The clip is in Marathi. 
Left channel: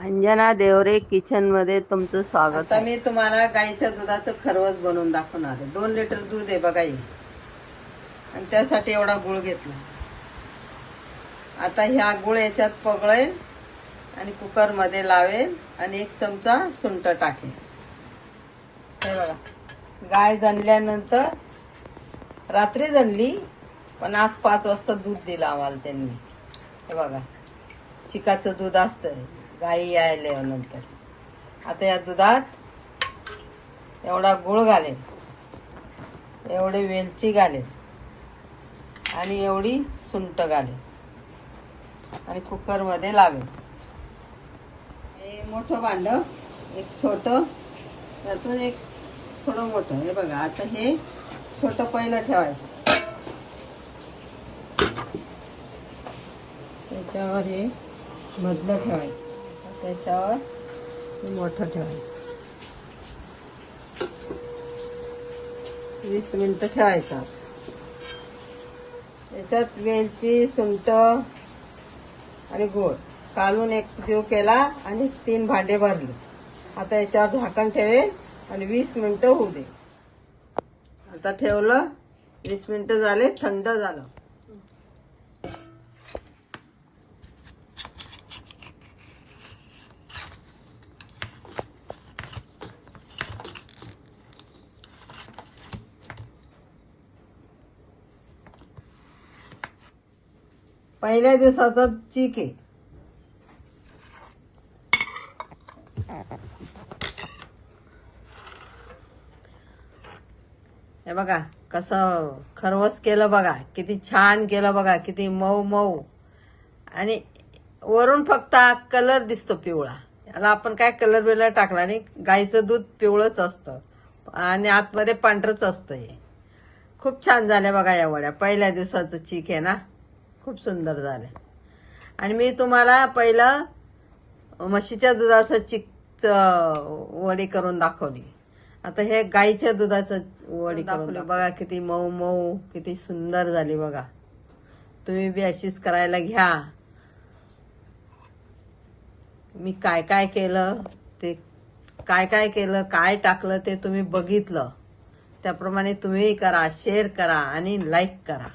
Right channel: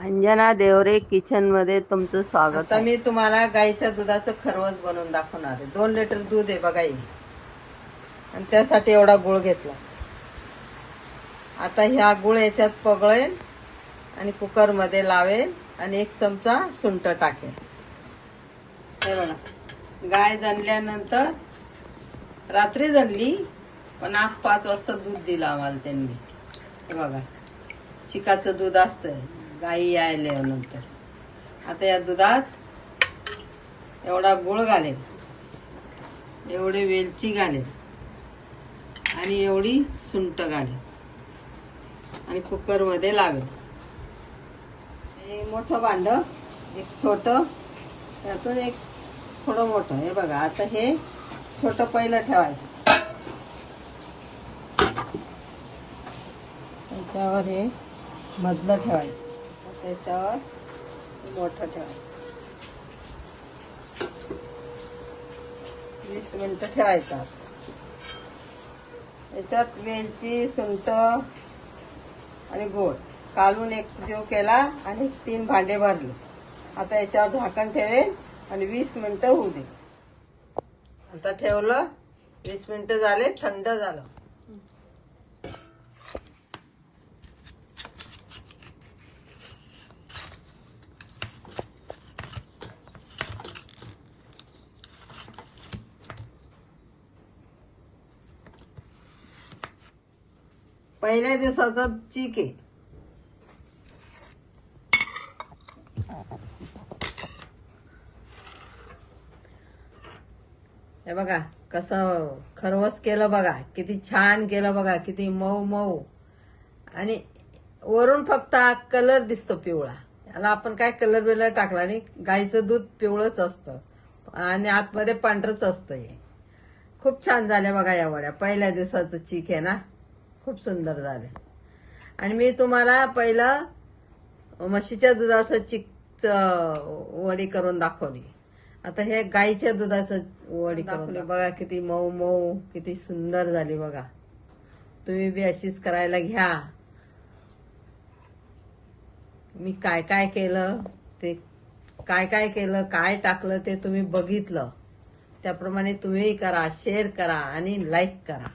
अंजना देवरे किचनमध्ये तुमचं स्वागत आता आहे. मी तुम्हाला गाईच्या दुधाचं खरवस बनवून दाखवणार आहे. दोन लिटर दूध आहे बघा ही. आणि त्यासाठी एवढा गुळ घेतला. आता ह्या गुळ याच्यात पगळे आणि कुकरमध्ये लावे आणि एक चमचा हे बघा. गाय जणल्यानंतर रात्री जणली पण आज पाच वाजता दूध दिलं आम्हाला त्यांनी. हे बघा चिकाचं दूध असतं गाई यायला नंतर. आता या दुधात एवढा गुळ घालेल. एवढे वेलची घालेल. आणि एवढी सुंट घालेल. आणि कुकरमध्ये लावेल. एक मोठं भांड एक छोटं त्याचं एक थोडं मोठं. हे बघा आता हे छोटं पहिलं ठेवायचं. त्याच्यावर हे मधलं ठेवायचं. त्याच्यावर मोठं ठेवायचं. वीस मिनटं ठेवायचं. याच्यात वेलची सुंट आणि गोड कालून एक जीव केला आणि तीन भांडे भरले. आता याच्यावर झाकण ठेवेल आणि वीस मिनटं होऊ दे. आता ठेवलं वीस मिनटं झाले थंड झालं. पहिल्या दिवसाचा चीक आहे. हे बघा कसं खरवस केलं बघा किती छान केलं बघा किती मऊ मऊ. आणि वरून फक्त कलर दिसतो पिवळा. याला आपण काय कलर बिलर टाकला नाही गाईचं दूध पिवळंच असतं. आणि आतमध्ये पांढरंच असतं हे. खूप छान झाल्या बघा या वड्या. पहिल्या दिवसाचं चीक आहे ना. खूप सुंदर झाले. आणि मी तुम्हाला पहिलं म्हशीच्या दुधाचं चिक वडी करून दाखवली. आता हे गाईच्या दुधाचं वडी दाखवली. बघा किती मऊ मऊ किती सुंदर झाली बघा. तुम्ही बी अशीच करायला घ्या. मी काय काय केलं ते काय काय केलं काय टाकलं ते तुम्ही बघितलं. त्याप्रमाणे तुम्ही करा शेअर करा आणि लाईक करा.